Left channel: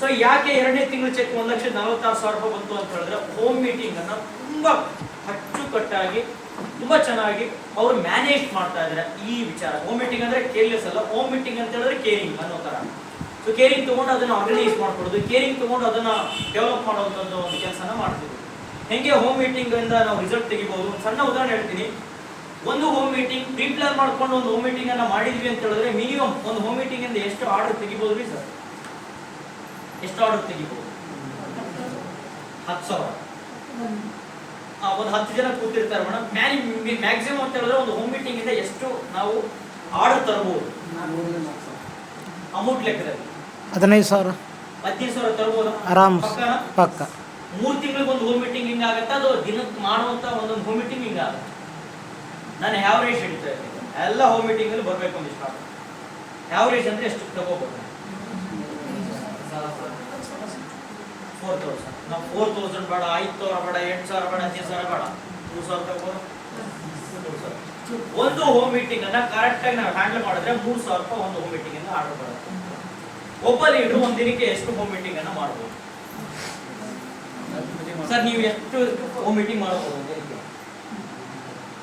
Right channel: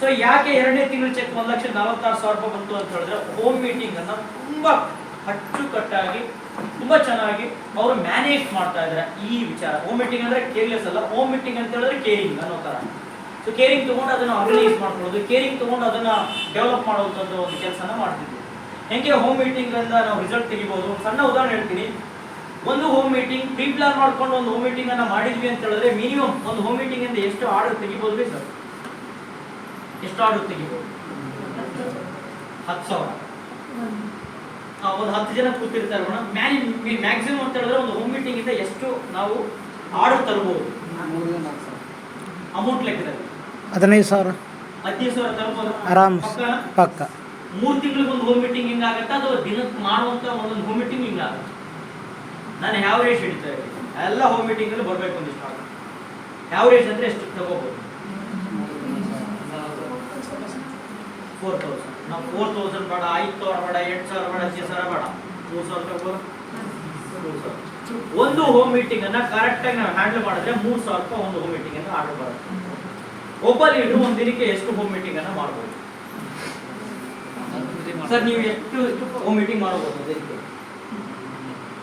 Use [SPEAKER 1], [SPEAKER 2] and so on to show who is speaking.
[SPEAKER 1] So ಯಾಕೆ ಎರಡನೇ ತಿಂಗಳು ಚೆಕ್ ಒಂದು ಲಕ್ಷ ನಲವತ್ತಾರು ಸಾವಿರ ರೂಪಾಯಿ ಬಂತು ಅಂತ ಹೇಳಿದ್ರೆ ಹೋಮ್ ಮೀಟಿಂಗ್ ಅನ್ನ ತುಂಬಾ ಅಚ್ಚುಕಟ್ಟಾಗಿ, ತುಂಬಾ ಚೆನ್ನಾಗಿ ಅವರು ಮ್ಯಾನೇಜ್ ಮಾಡ್ತಾ ಇದ್ದಾರೆ ಈ ವಿಚಾರ. ಹೋಮ್ ಮೀಟಿಂಗ್ ಅಂದ್ರೆ ಕೇರ್ಲೆಸ್ ಅಲ್ಲ. ಹೋಮ್ ಮೀಟಿಂಗ್ ಅಂತ ಹೇಳಿದ್ರೆ ಕೇರಿಂಗ್ ಅನ್ನೋ ತರ. ಸೊ ಕೇರಿಂಗ್ ತಗೊಂಡು ಅದನ್ನ ಆರ್ಗನೈಸ್ ಮಾಡ್ಕೊಳ್ಳೋದು ಕೇರಿಂಗ್ ತಗೊಂಡು ಅದನ್ನ ಡೆವಲಪ್ ಮಾಡೋದು ಒಂದು ಕೆಲಸನ ಮಾಡ್ತಿದ್ವಿ. ಹೆಂಗೆ ಹೋಮ್ ಮೀಟಿಂಗ್ ಇಂದ ನಾವು ರಿಸಲ್ಟ್ ತೆಗಿಬಹುದು ಒಂದು ಸಣ್ಣ ಉದಾಹರಣೆ ಹೇಳ್ತೀನಿ. ಒಂದು ಹೋಮ್ ಮೀಟಿಂಗ್ ಪ್ರೀ ಪ್ಲಾನ್ ಮಾಡ್ಕೊಂಡು ಒಂದು ಹೋಮ್ ಮೀಟಿಂಗ್ ಅನ್ನ ಮಾಡಿದ್ವಿ ಅಂತ ಹೇಳಿದ್ರೆ ಮಿನಿಮಮ್ ಒಂದು ಹೋಮ್ ಮೀಟಿಂಗ್ ಇಂದ ಎಷ್ಟು ಆರ್ಡರ್ ತೆಗಿಬಹುದು ಸರ್? ಎಷ್ಟು ಆರ್ಡರ್ ತೆಗಿಬೋದು ಹತ್ತು ಸಾವಿರ. ಒಂದು ಹತ್ತು ಜನ ಕೂತಿರ್ತಾರೆ. ಮೇಡಮ್ ಮ್ಯಾಕ್ಸಿಮಮ್ ಅಂತ ಹೇಳಿದ್ರೆ ಒಂದು ಹೋಮ್ ಮೀಟಿಂಗ್ ಇಂದ ಎಷ್ಟು ನಾವು ಆರ್ಡರ್ ತರಬಹುದು? ಅಮೌಂಟ್ ಲೆಕ್ಕದಲ್ಲಿ.
[SPEAKER 2] ಹದಿನೈದು ಸಾವಿರ.
[SPEAKER 1] ಹದಿನೈದು ಸಾವಿರ ತರಬಹುದು.
[SPEAKER 2] ಆರಾಮ್? ಪಕ್ಕ.
[SPEAKER 1] ಮೂರು ತಿಂಗಳಿಗೆ ಒಂದು ಹೋಮ್ ಮೀಟಿಂಗ್ ಹಿಂಗ ಆಗತ್ತೆ? ಅದು ದಿನಕ್ಕೆ ಮಾಡುವಂತ ಒಂದೊಂದು ಹೋಮ್ ಮೀಟಿಂಗ್ ಹಿಂಗ ಆಗುತ್ತೆ? ನಾನು ಹ್ಯಾವರೇಜ್ ಹಿಡಿತಾ ಎಲ್ಲ ಹೋಮ್ ಮೀಟಿಂಗ್ ಅಲ್ಲಿ ಬರ್ಬೇಕು ಒಂದಿಷ್ಟು ಹ್ಯಾವರೇಜ್ ಅಂದ್ರೆ ಎಷ್ಟು ತಗೋಬಹುದು ಫೋರ್ ತೌಸಂಡ್ ನಾವು ಫೋರ್ ತೌಸಂಡ್ ಬೇಡ ಐದು ಸಾವಿರ ಬೇಡ ಎಂಟು ಸಾವಿರ ಬೇಡ. ಹದಿನೈದು ಸಾವಿರ ಬೇಡ ಮೂರು ಸಾವಿರ. ರೂಪಾಯಿ. ಒಂದು ಹೋಮ್ ಮೀಟಿಂಗ್ ಅನ್ನ ಕರೆಕ್ಟ್ ಆಗಿ ನಾವು ಹ್ಯಾಂಡಲ್ ಮಾಡಿದ್ರೆ ಮೂರು ಸಾವಿರ ರೂಪಾಯಿ ಒಂದು ಹೋಮ್ ಮೀಟಿಂಗ್ ಅನ್ನ ಆರ್ಡರ್ ಬರುತ್ತೆ. ಒಬ್ಬ ಲೀಡರ್ ಒಂದು ದಿನಕ್ಕೆ ಎಷ್ಟು ಹೋಮ್ ಮೀಟಿಂಗ್ ಅನ್ನ ಮಾಡ್ಬೋದು? ಸರ್ ನೀವು ಎಷ್ಟು ಹೋಮ್ ಮೀಟಿಂಗ್ ಮಾಡಬಹುದು